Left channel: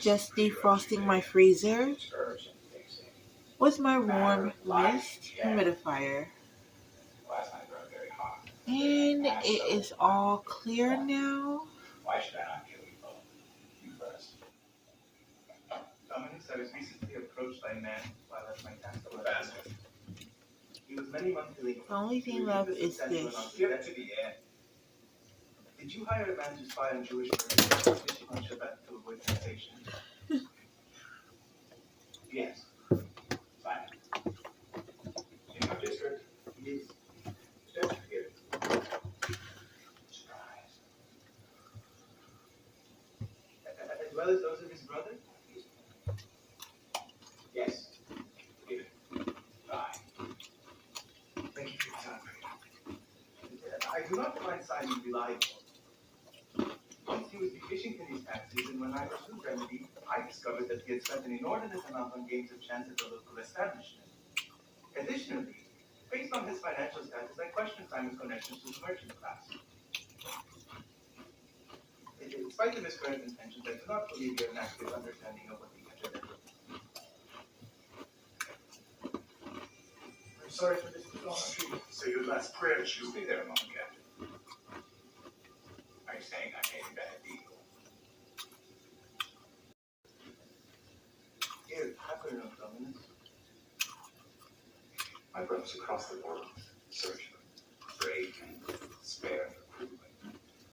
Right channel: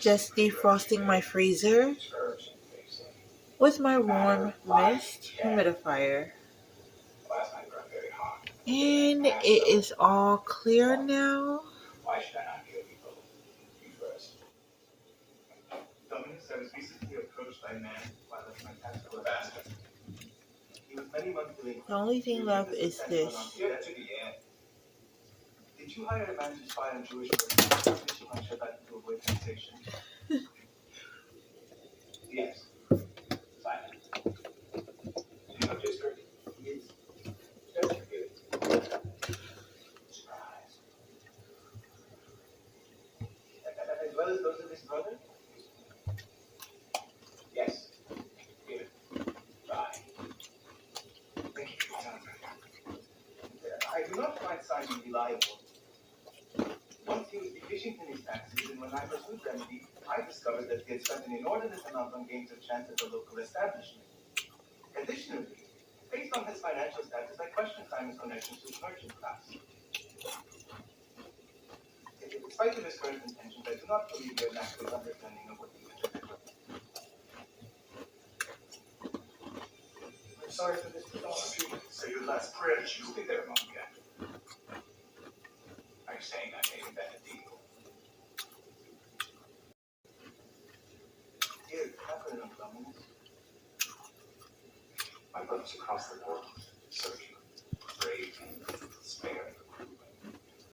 Just defrosting my freezer with my warm mist humidifier. And it is all clear now. Dominus, I was recently approached by a man while at my tax bastard. He was many months delinquent. The only thing left is this. Did you hire a man to spy on Jewish persons fishing on Shabbat to avoid taxation? Yes. Fine. In your district? Yes. Just forget it. Surprise. As well as those of his brother? Yes. Here. Bye. Thank you for your time. I do not find Simon reliable. Once he was deficient in his taxes, and when I pursued remedy, I discovered that he had spent an inordinate amount on games of chance at the local establishment. Additionally, based on his financial status, I question Simon's connections to the merchant class. In spite of his current intentions, I do not believe he has an active understanding of what he can do. I'm sorry for this mythology. So your last prayer should be there, Monica. Are you saying I made a bad deal? Here, happen enough, Dominus. My brother's across the world, searching.